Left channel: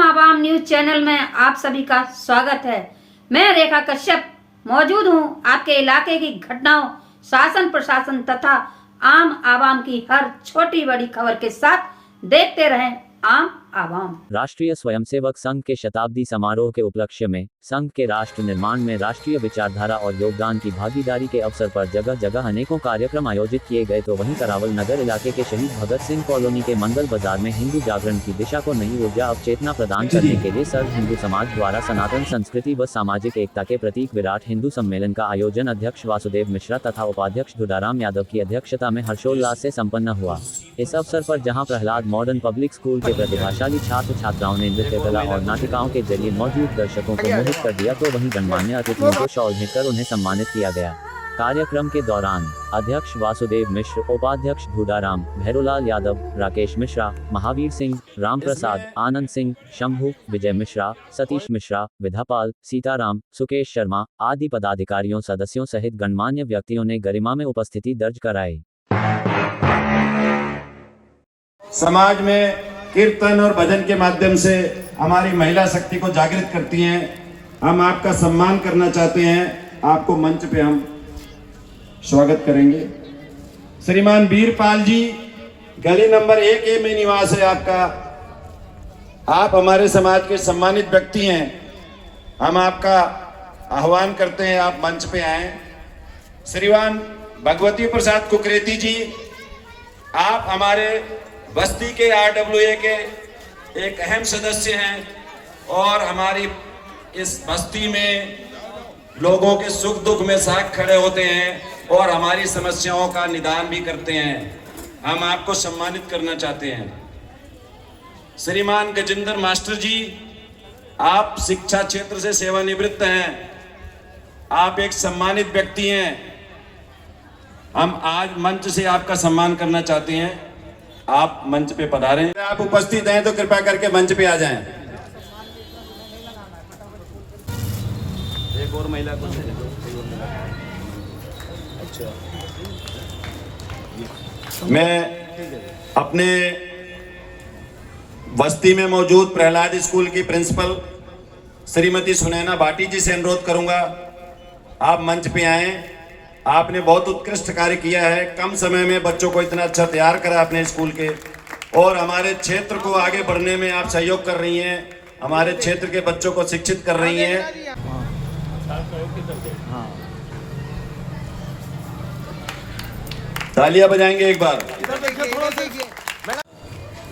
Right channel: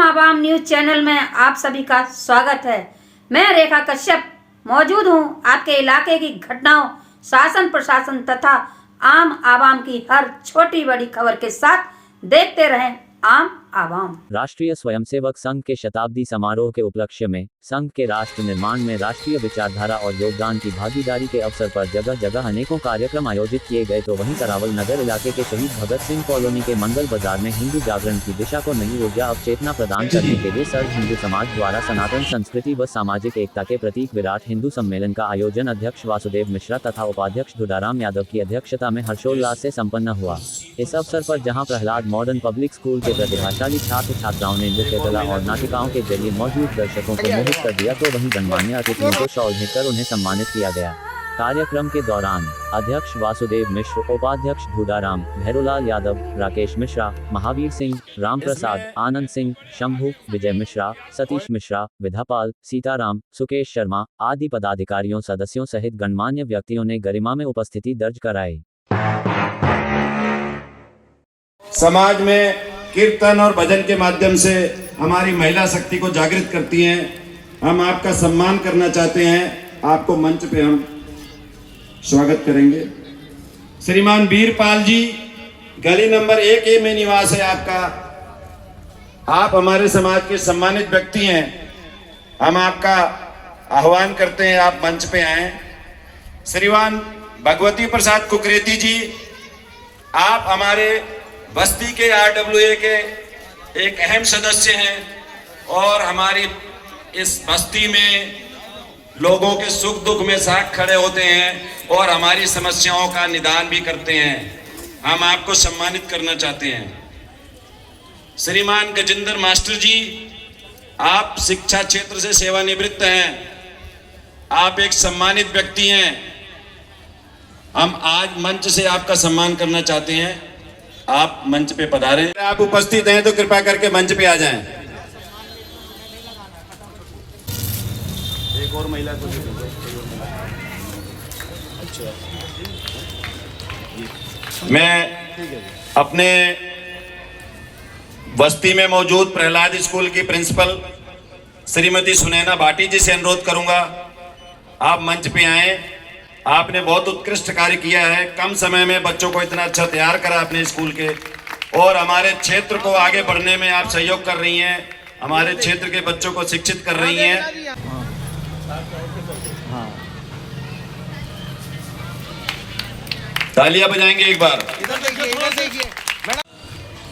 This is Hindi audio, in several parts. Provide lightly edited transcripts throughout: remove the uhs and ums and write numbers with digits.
आम आवाम न्यूज चैनल में आप सभी का स्वागत है। मैं रेखा कश्यप मौजूद हूं आपके इलाके की घटनाओं, शासन प्रशासन तथा आम आवाम की हर छोटी बड़ी खबर के साथ। देखते रहें आम आवाम। राष्ट्रीय स्वयंसेवक संघ के शताब्दी समारोह के उपलक्ष्य में संघ के राष्ट्र निर्माण में राष्ट्रीय विचारधारा और योगदान की भागीदारी के अवसर पर जगह जगह अनेकों कार्यक्रम आयोजित किए गए। तो वहीं करावल नगर इलाके के शहीद भगत सिंह कॉलोनी के मंगल बाजार में हिंदू जागरण की दिशा को नई ऊर्जा अवचेतना प्रदान करने के लिए सर्व हिंदू समाज द्वारा सनातन संस्कृति व सामाजिक एकता के प्रतीक विराट हिंदू सम्मेलन का आयोजन अध्यक्ष वासुदेव मिश्रा तथा उपाध्यक्ष धुडाराम यादव की अध्यक्षता में हर्षोल्लास से संपन्न हुआ। इस अवसर पर जहां प्रहलाद मॉडर्न पब्लिक स्कूल के प्रतिभाशाली छात्र छात्राओं ने नृत्य कला और नाटिकाओं के जरिए मौजूद दर्शकों को मोहित कर दिया, तो वहीं गणमान्य अतिथियों को शॉल भेंटकर उन्हें सम्मानित किया गया। कार्यक्रम के दौरान अध्यक्ष वासुदेव मिश्र, उपाध्यक्ष धुडाराम, भैरोलाल यादव, राकेश मिश्रा, महावीर सिंह, राम प्रसाद, आनंद सिंह, शंभू, विजय मिश्रा, सतीश मिश्रा, विधापाल, सीताराम, सुकेश शर्मा आदि पदाधिकारियों सदस्यों सहित गणमान्य व्यक्तियों ने गरिमा में उपस्थिति दर्ज कराई। समाज में कीर्तन और भजन के माध्यम से हमारी महिला शक्ति को जागृत करती हैं। हम आपका सम्मान करना चाहते हैं। आपको मंच पे हम स्वागत करेंगे। श्रीमान वीरपाल जी, गली नंबर 1A में निवास है आपका। आप हमारे समाज के सम्मानित व्यक्ति हैं। हम आपका आह्वान करते हैं, आप मंच पे आए। श्रीमान भगवती प्रसाद कुकरेती जी, आप हमारे बस्ती के RWA के एक अहम सदस्य हैं और हमारी इस बस्ती में लोगों के सुख दुख में साथ खड़े होते हैं और हमारी समस्याओं का निदान भी करते हैं। हम आपको सम्मानित करना चाहते हैं। श्रीमान गजेंद्र मास्टर जी, आप शिक्षा क्षेत्र से सेवानिवृत्त हैं। आप एक सम्मानित व्यक्ति हैं। हम आज मंच से आपका सम्मान करना चाहते हैं। आप मंच पे पधारें। आप उपस्थित हैं तो कृपया करके मंच पे आ जाएं। एक और महिला मैं अपने बस्ती में मौजूद प्रहलाद स्कूल की प्रिंसिपल श्रीमती सुनैना भाटी जी से अनुरोध करूंगा, आप मंच पे आएं। आपने बहुत उत्कृष्ट कार्य किया है। कम समय में बच्चों को इतना अच्छा तैयार करा अपने स्कूल के, और हमारे क्षेत्र को आगे बढ़ने में आप सहयोग कर रही हैं। हमारे क्षेत्र के बच्चों को शिक्षित कर रही हैं। तालियां बजाएंगे एक बार।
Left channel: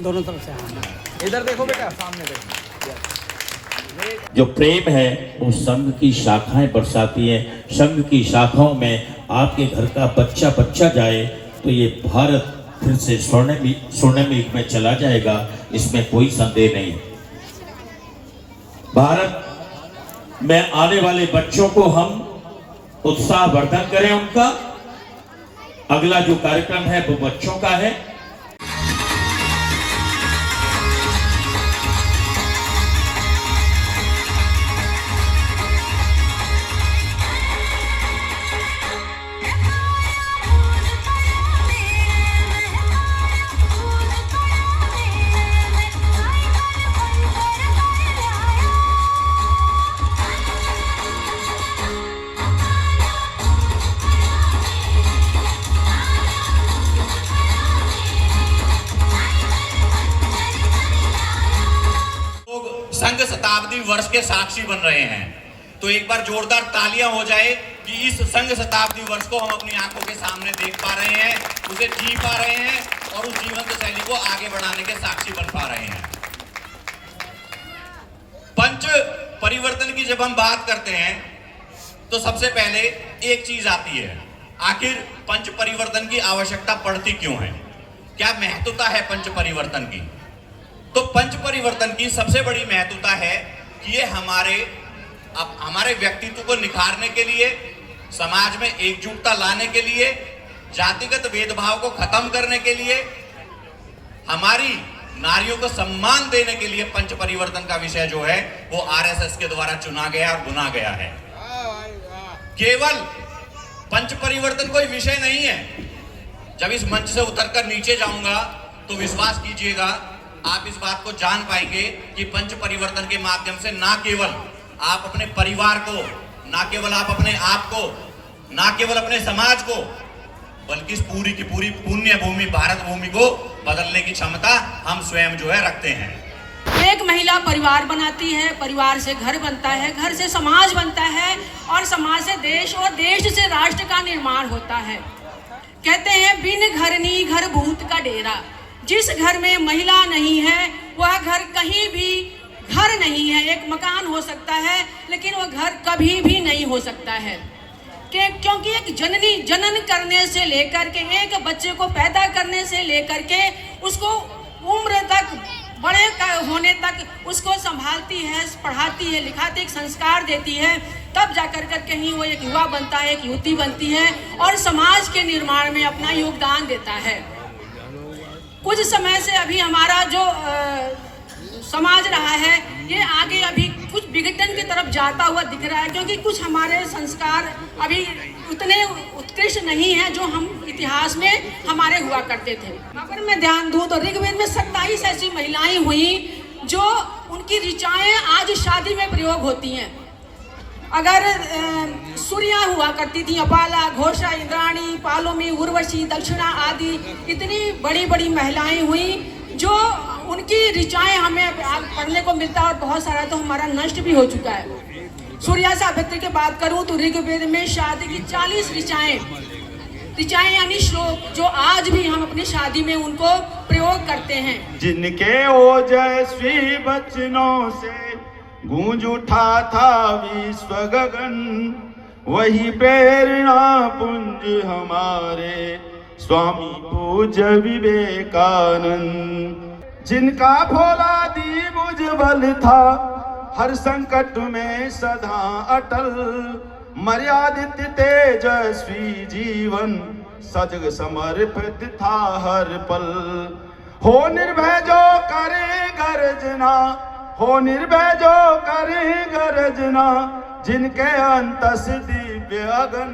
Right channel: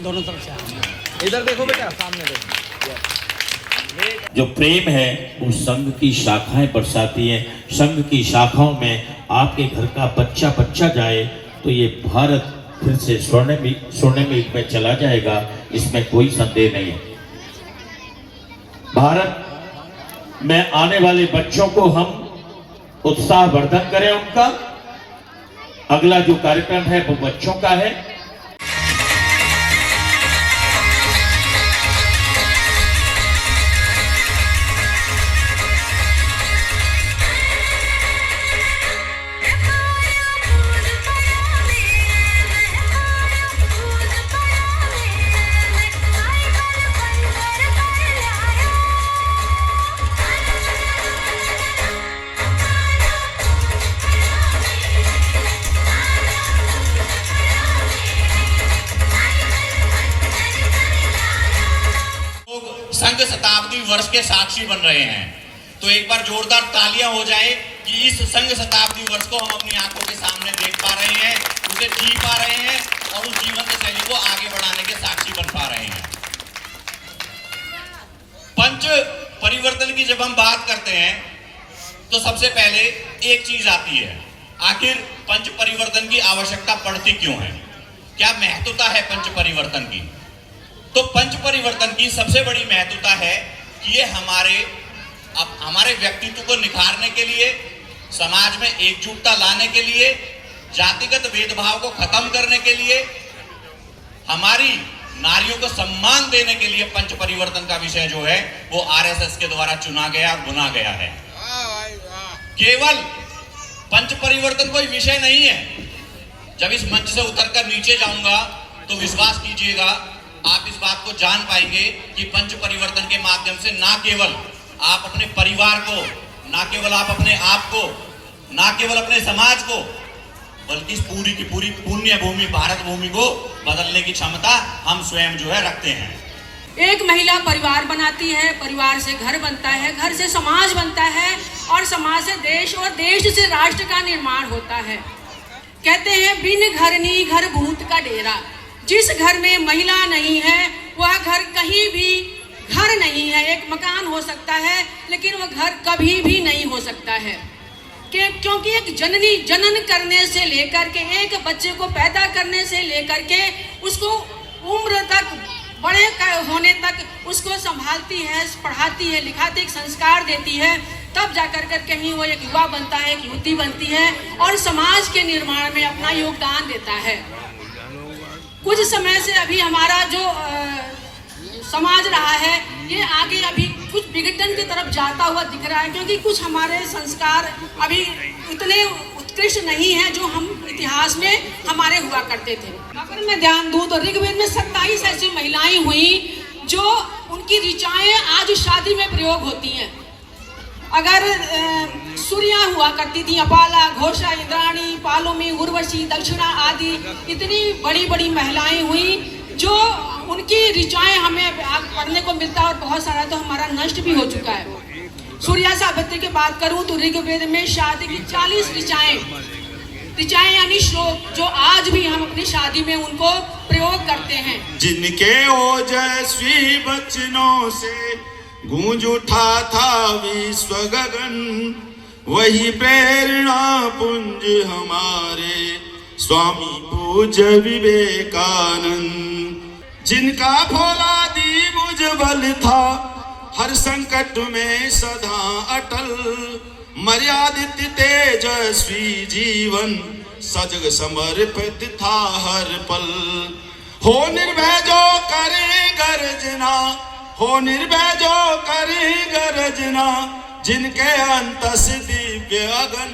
दोनों तरफ से इधर देखो बेटा, सामने देखो। जो प्रेम है वो संघ की शाखाएं बरसाती है। संघ की शाखाओं में आपके घर का बच्चा बच्चा जाए तो ये भारत फिर से स्वर्णिम युग में चला जाएगा, इसमें कोई संदेह नहीं है। भारत में आने वाले बच्चों को हम उत्साहवर्धन करें उनका। अगला जो कार्यक्रम है वो बच्चों का है। संघ शताब्दी वर्ष के साक्षी बन रहे हैं, तो एक बार जोरदार तालियां हो जाए कि इस संघ शताब्दी वर्ष को हम अपनी आंखों के सामने देख पा रहे हैं, उसे जी पा रहे हैं और उस जीवन शैली को आगे बढ़ाने के साक्षी बन पा रहे हैं। पंच परिवर्तन की जब हम बात करते हैं तो सबसे पहले एक चीज आती है, आखिर पंच परिवर्तन की आवश्यकता पड़ती क्यों है, क्या महत्वता है पंच परिवर्तन की। तो पंच परिवर्तन की सबसे बड़ी महत्वता है कि ये हमारे व्यक्तित्व को निखारने के लिए, समाज में एकजुटता लाने के लिए, जातिगत भेदभाव को खत्म करने के लिए, हमारी नारियों को सम्मान देने के लिए पंच परिवर्तन का विषय जो है वो RSS के द्वारा चुना गया और बुना गया है। केवल पंच परिवर्तन कोई विषय नहीं है। जब इस मंच से उतरकर नीचे जाऊंगा तो विश्वास कीजिएगा आप इस बात को जान पाएंगे कि पंच परिवर्तन के माध्यम से ना केवल आप अपने परिवार को, ना केवल आप अपने आप को, ना केवल अपने समाज को, बल्कि इस पूरी की पूरी पुण्य भूमि भारत भूमि को बदलने की क्षमता हम स्वयं जो है रखते हैं। एक महिला परिवार बनाती है, परिवार से घर बनता है, घर से समाज बनता है और समाज से देश और देश से राष्ट्र का निर्माण होता है। कहते हैं बिन घरनी घर भूत का डेरा। जिस घर में महिला नहीं है वह घर कहीं भी घर नहीं है। एक मकान हो सकता है लेकिन वह घर कभी भी नहीं हो सकता है, क्योंकि एक जननी जनन करने से लेकर के एक बच्चे को पैदा करने से लेकर के उसको उम्र तक बड़े होने तक उसको संभालती है, पढ़ाती है, लिखाती, एक संस्कार देती है, तब जाकर कर कहीं वो एक युवा बनता है, एक युवती बनती है और समाज के निर्माण में अपना योगदान देता है। कुछ समय से अभी हमारा जो समाज रहा है ये आगे अभी कुछ विघटन की तरफ जाता हुआ दिख रहा है, क्योंकि कुछ हमारे संस्कार अभी उतने उत्कृष्ट नहीं है जो हम इतिहास में हमारे हुआ करते थे। अगर मैं ध्यान दूं तो ऋग्वेद में 27 ऐसी महिलाएं हुई जो उनकी ऋचाएं आज शादी में प्रयोग होती हैं। अगर सूर्या हुआ करती थी, अपाला, घोषा, इंद्राणी, पालोमी, उर्वशी, दक्षिणा आदि इतनी बड़ी बड़ी महिलाएं हुई जो उनकी ऋचाएं हमें पढ़ने को मिलता है और बहुत सारा तो हमारा नष्ट भी हो चुका है। सूर्या सावित्री की बात करूं तो ऋग्वेद में शादी की 40 ऋचाएं यानी श्लोक जो आज भी हम अपनी शादी में उनको प्रयोग करते हैं। जिनके ओजस्वी वचनों से गूंज उठा था विश्व गगन, वही प्रेरणा पुंज हमारे स्वामी पूज्य विवेकानंद। जिनका भोला दीप उज्ज्वल था हर संकट में सदा अटल, मर्यादित तेजस्वी जीवन सजग समर्पित था हर पल। हो निर्भय जो करे गर्जना, हो निर्भय जो करे गर्जना, जिनके अंतस दिव्य अगन,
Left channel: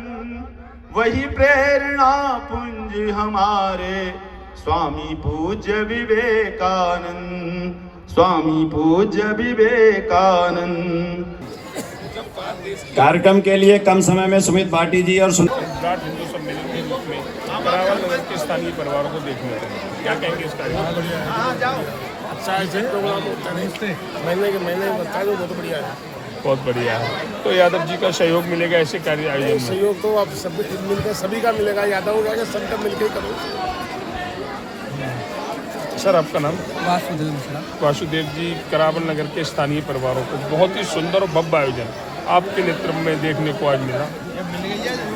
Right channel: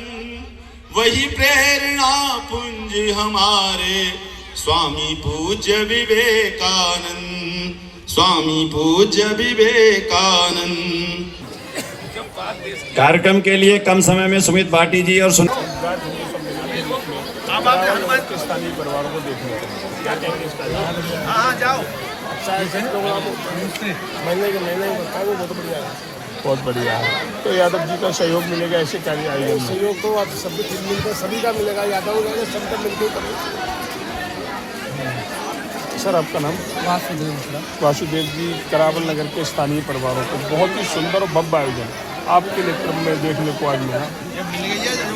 वही प्रेरणा पुंज हमारे स्वामी पूज्य विवेकानंद, स्वामी पूज्य विवेकानंद। कार्यक्रम के लिए कम समय में सुमित भाटी जी और गुजरात हिंदू सम्मेलन के रूप में करावल के स्थानीय परिवारों को देखने को मिला। क्या कहेंगे इस तारीख? हाँ जाओ। अच्छा ऐसे प्रोग्राम मैंने बताया वो तो बढ़िया है, बहुत बढ़िया है। तो यादव जी का सहयोग मिलेगा ऐसे कार्य आयोजन में? सहयोग तो आप सब मिलकर सभी का मिलेगा, यादव जाएगा सबका मिलकर करो। सर आपका नाम? वासुदेव मिश्रा। वासुदेव जी, करावल नगर के स्थानीय परिवारों को बहुत ही सुंदर और भव्य आयोजन आपके नेतृत्व में देखने को आज मिला।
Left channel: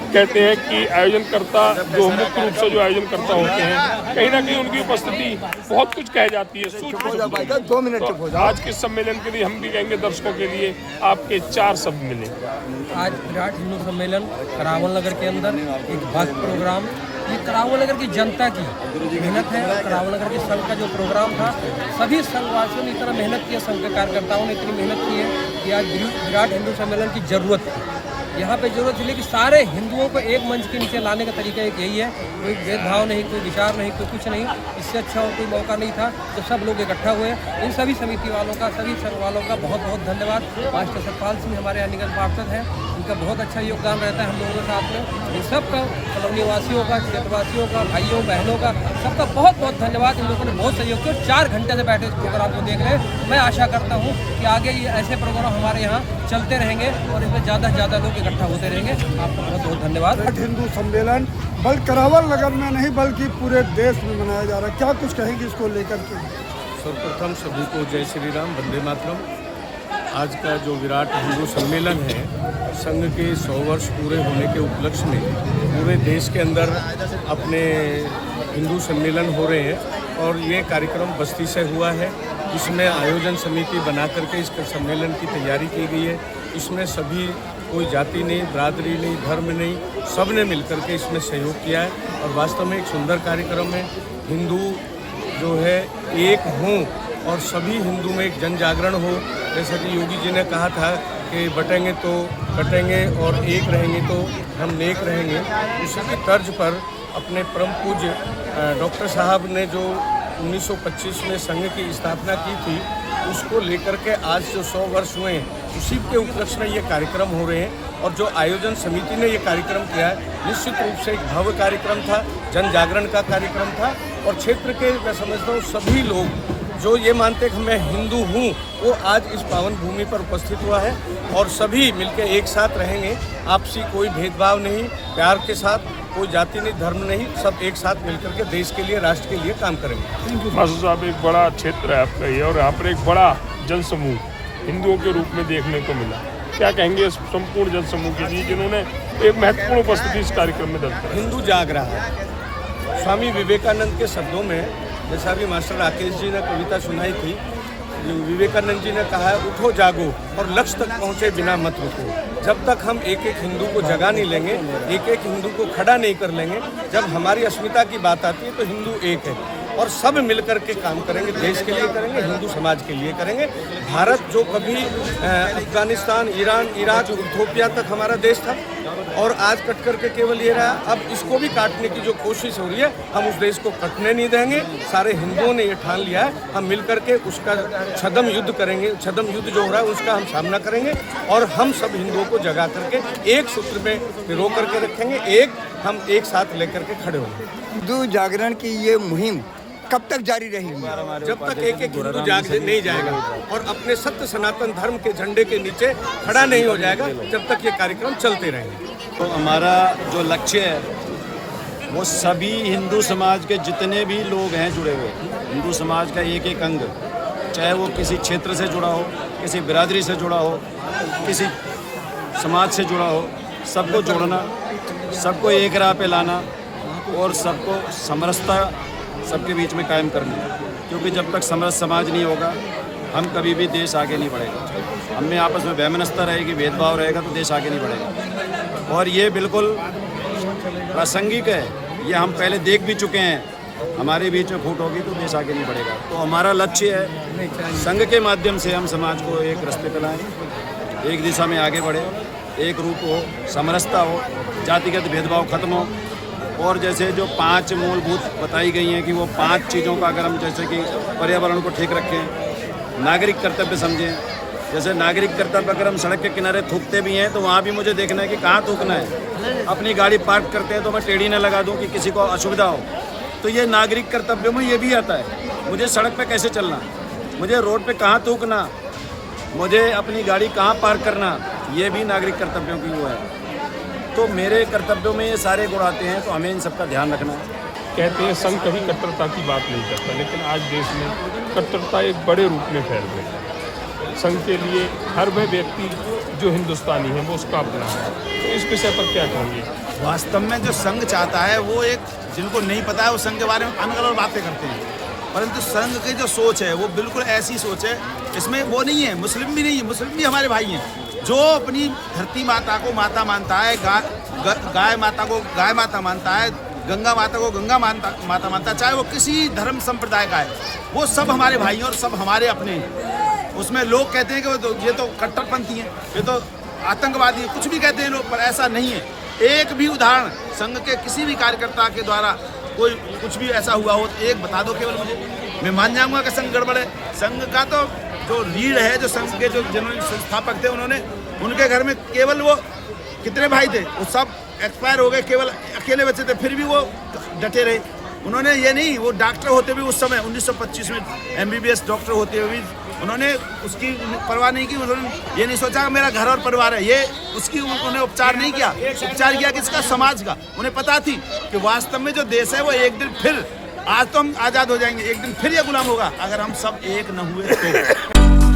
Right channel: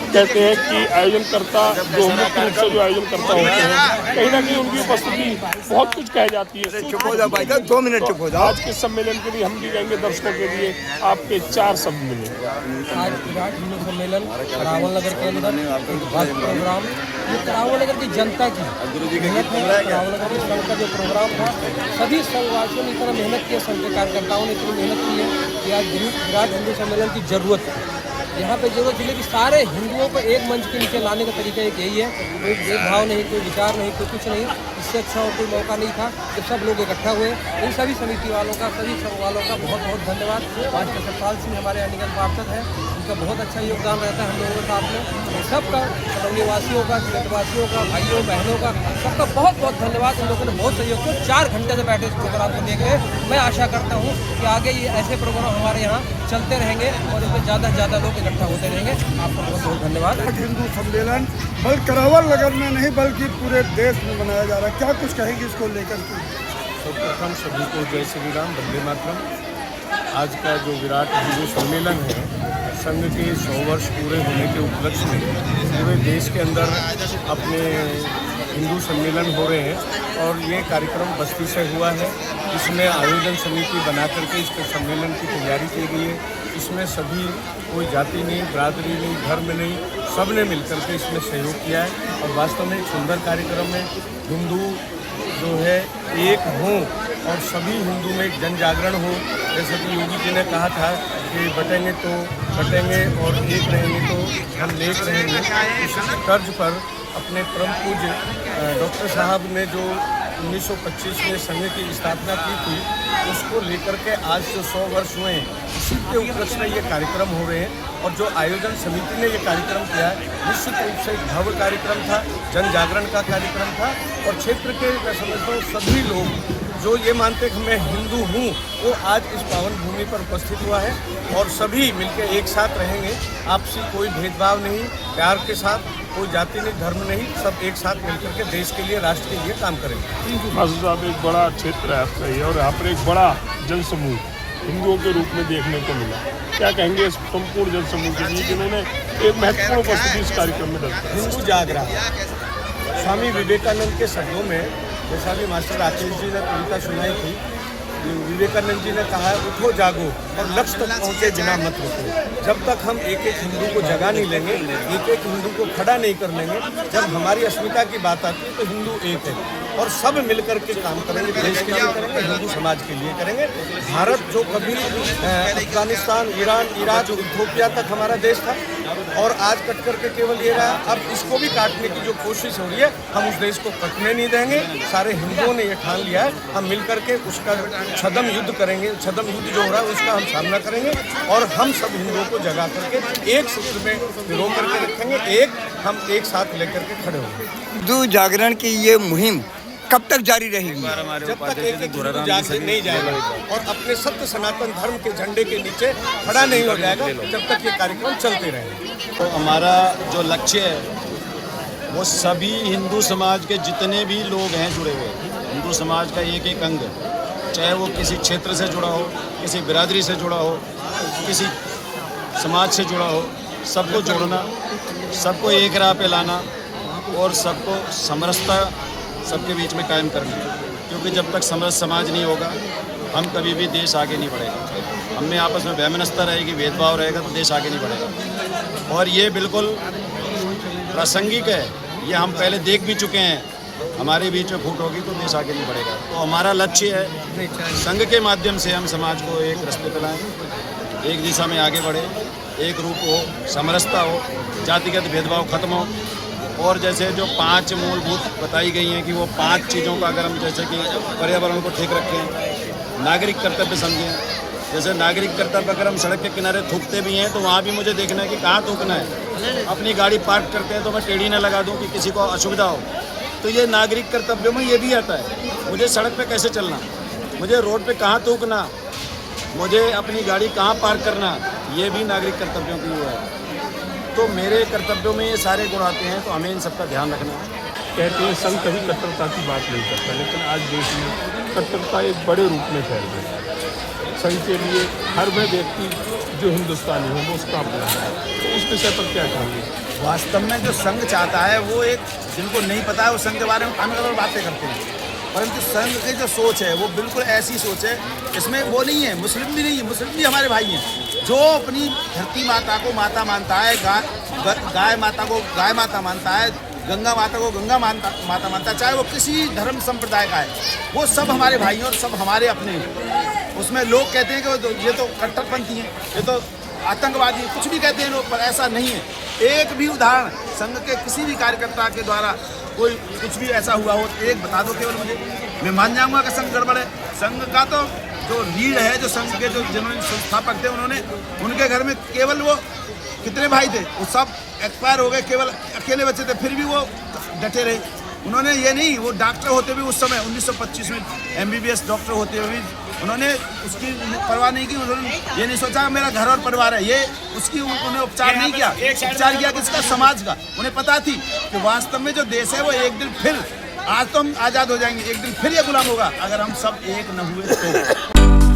कहते हैं कि आयोजनकर्ता जो मुख्य रूप से जो आयोजनकर्ता होते हैं कहीं ना कहीं उनकी उपस्थिति बहुत कुछ कह जाती है। चुप हो जाओ भाई, 2 मिनट चुप हो जाओ। आज के सम्मेलन के लिए हम भी कहेंगे दर्शकों के लिए आपके 4 शब्द मिले। आज विराट हिंदू सम्मेलन करावल नगर के अंदर एक भव्य प्रोग्राम, ये करावल नगर की जनता की मेहनत है। करावल नगर के संघ का जो प्रोग्राम था, सभी संघवासियों ने इतना मेहनत की है, संघ के कार्यकर्ताओं ने इतनी मेहनत की है कि आज विराट हिंदू सम्मेलन की जरूरत है। यहाँ पे जरूरत है कि सारे हिंदुओं को एक मंच के नीचे लाने का तरीका एक यही है। कोई भेदभाव नहीं, कोई विचार नहीं, कोई कुछ नहीं। इससे अच्छा और कोई मौका नहीं था जब सब लोग इकट्ठा हुए। इन सभी समिति वालों का, सभी संघ वालों का बहुत बहुत धन्यवाद। आज के सतपाल सिंह हमारे यहाँ निगम पार्षद हैं, उनका बहुत अच्छा योगदान रहता है हम लोगों के साथ में। इन सबका, कॉलोनी वासियों का, क्षेत्रवासियों का, भाइयों बहनों का, सबका बहुत बहुत धन्यवाद। इन लोगों ने बहुत सहयोग किया। 4 घंटे से बैठे इस प्रोग्राम को देख रहे हैं। मैं आशा करता हूँ कि आगे ये ऐसे प्रोग्राम हमारे यहाँ चलते रहेंगे और इसमें ज़्यादा से ज़्यादा लोग इकट्ठा होते रहेंगे। आपका बहुत बहुत धन्यवाद। हिंदू सम्मेलन बल्कि करावल नगर में नहीं बल्कि पूरे देश में मनाया जा रहा है, क्या कुछ कहेंगे इसको लेकर के? सर्वप्रथम सभी को जय श्री राम, वंदे मातरम। आज का जो विराट हिंदू सम्मेलन है, संघ के 100 वर्ष पूरे होने के उपलक्ष्य में पूरे देश के अंदर अपने हिंदू सम्मेलन हो रहे हैं और ये कार्यक्रम बस्ती से हुआ है। इसमें आयोजन समिति बना करके इस सम्मेलन की तैयारी की गई है। इसमें सभी, कोई जाति नहीं, बरादरी नहीं, धर्म नहीं, सब ने मिलकर के इसमें सहयोग किया है और वास्तव में एक सुंदर कार्यक्रम है। हिंदू जो है एक हों और सभी हिंदू में एक जन जागरण हो। जैसे कि योगी जी ने कहा था कि बटेंगे तो कटेंगे और एक रहेंगे तो हम नेक रहेंगे। इसी तर्ज पर अपने परम पूज्य डॉक्टर साहब ने जो 1925 में संघ की स्थापना की थी, उसको लेकर के आज जो 100 वर्ष हुए हैं, इसी के उपलक्ष्य में ये कार्यक्रम हो रहे हैं। और जो आयोजन समिति ने ये कार्यक्रम किया है, निश्चित रूप से एक भव्य कार्यक्रम था, जन जागरण का कार्यक्रम था। और क्षेत्र के, मैं समझता हूँ, सभी लोग जो ये मानते कि मैं हिंदू हूँ, वो आज इस पावन भूमि पर उपस्थित हुआ है। और सभी मिलकर एक साथ रहेंगे, आपसी कोई भेदभाव नहीं, प्यार के साथ, कोई जाति नहीं, धर्म नहीं, सब एक साथ मिलकर के देश के लिए, राष्ट्र के लिए काम करेंगे। मासूद साहब, एक बड़ा क्षेत्र है आपका ये, और यहाँ पर एक बड़ा जनसमूह हिंदुओं के रूप में देखने को मिला। क्या कहेंगे इस संपूर्ण जनसमूह के लिए जिन्होंने एक महत्वपूर्ण उपस्थिति इस कार्यक्रम में दर्ज कराई? हिंदू जाग रहा है। स्वामी विवेकानंद के शब्दों में, जैसा भी मास्टर राकेश जी ने कविता सुनाई थी, विवेकानंद जी ने कहा है, उठो जागो और लक्ष्य तक पहुँचे बिना मत रुको। जब तक हम एक एक हिंदू को जगा नहीं लेंगे, एक एक हिंदू को खड़ा नहीं कर लेंगे, जब हमारी अस्मिता की बात आती है तो हिंदू एक है और सब मिलकर के काम करेंगे, देश के लिए करेंगे, हिंदू समाज के लिए करेंगे। भारत जो कभी अफगानिस्तान, ईरान, इराक, इथियोपिया तक हमारा देश था और आज कट करके केवल ये रहा, अब इसको भी काटने की जो कोशिश हो रही है, हम उस देश को कटने नहीं देंगे। सारे हिंदुओं ने ये ठान लिया है, हम मिलकर के उसका छद्म युद्ध करेंगे। छद्म युद्ध जो हो रहा है उसका हम सामना करेंगे और हम सब हिंदुओं को जगा करके एक सूत्र में पिरो करके रखेंगे, हम एक साथ लेकर के खड़े होंगे। हिंदू जागरण की ये मुहिम कब तक जारी रहेगी? जब तक एक एक हिंदू जाग नहीं जाएगा और अपने सत्य सनातन धर्म के झंडे के नीचे खड़ा नहीं हो जाएगा, जब तक ये कार्यक्रम चलते रहेंगे। तो हमारा जो लक्ष्य है वो सभी हिंदू समाज के जितने भी लोग हैं जुड़े हुए, हिंदू समाज का एक एक अंग, चाहे वो किसी क्षेत्र से जुड़ा हो, किसी बिरादरी से जुड़ा हो, किसी समाज से जुड़ा हो, सबको जोड़ना, सबको एक राह पे लाना और सबको समरसता सबके बीच में कायम करना। क्योंकि जब तक समरस समाज नहीं होगा, हम कभी भी देश आगे नहीं बढ़ेगा। हम में आपस में वैमनस्यता रहेगी, भेदभाव रहेगा तो देश आगे नहीं बढ़ेगा। और ये बिल्कुल प्रासंगिक है, ये हम पहले देख भी चुके हैं। हमारे बीच में फूट होगी तो देश आगे नहीं बढ़ेगा। तो हमारा लक्ष्य है संघ के माध्यम से हम समाज को एक रास्ते पे लाएं, एक दिशा में आगे बढ़े, एक रूप हो, समरसता हो, जातिगत भेदभाव खत्म हो। और जैसे जो 5 मूलभूत बताई गई हैं कि वो 5 चीज़ों का अगर हम जैसे कि पर्यावरण को ठीक रखें, नागरिक कर्तव्य समझें। जैसे नागरिक कर्तव्य अगर हम सड़क के किनारे थूकते भी हैं तो वहाँ भी मुझे देखना है कि कहाँ थूकना है। अपनी गाड़ी पार्क करते हैं तो मैं टेढ़ी ना लगा दूँ कि किसी को असुविधा हो। तो ये नागरिक कर्तव्यों में ये भी आता है। मुझे सड़क पे कैसे चलना, मुझे रोड पे कहाँ थूकना, मुझे अपनी गाड़ी कहाँ पार्क करना, ये भी नागरिक कर्तव्यों की वो है। तो मेरे कर्तव्यों में ये सारे गुण आते हैं, तो हमें इन सबका ध्यान रखना है। कहते हैं संघ कभी कट्टरता की बात नहीं करता, लेकिन आज देश में कट्टरता एक बड़े रूप में फैल रही है। संघ के लिए हर वह व्यक्ति जो हिंदुस्तानी है वो उसका अपना है। तो इस विषय पर क्या कहेंगे? वास्तव में जो संघ चाहता है वो एक, जिनको नहीं पता है वो संघ के बारे में अलग अलग बातें करते हैं, परंतु संघ की जो सोच है वो बिल्कुल ऐसी सोच है, इसमें वो नहीं है, मुस्लिम भी नहीं है, मुस्लिम भी हमारे भाई हैं। जो अपनी धरती माता को माता मानता है, गाय माता को गाय माता मानता है, गंगा माता को गंगा माता मानता है, चाहे वो किसी धर्म संप्रदाय का है, वो सब हमारे भाई हैं और सब हमारे अपने हैं। उसमें लोग कहते हैं कि ये तो कट्टरपंथी हैं, ये तो आतंकवादी है, कुछ भी कहते हैं लोग, पर ऐसा नहीं है। एक भी उदाहरण संघ के किसी भी कार्यकर्ता के द्वारा कोई कुछ भी ऐसा हुआ हो तो एक बता दो केवल मुझे, मैं मान जाऊंगा कि संघ गड़बड़ है। संघ का तो जो रीढ़ है, जो संघ के जो जिन्होंने संस्थापक थे, उन्होंने, उनके घर में केवल वो कितने भाई थे, वो सब एक्सपायर हो गए, केवल अकेले बच्चे थे, फिर भी वो डटे रहे। उन्होंने ये नहीं, वो डॉक्टर होते भी उस समय 1925 में MBBS डॉक्टर होते हुए भी उन्होंने उसकी परवाह नहीं की। उन्होंने ये नहीं सोचा कि मेरा घर और परिवार है, ये उसकी उन्होंने उपचार नहीं किया। उपचार किया किसका? समाज का। उन्हें पता थी कि वास्तव में जो देश है वो एक दिन फिर, आज तो हम आज़ाद हो जाएंगे, एक दिन फिर ये गुलाम होगा अगर हम सब एक न हुए तो।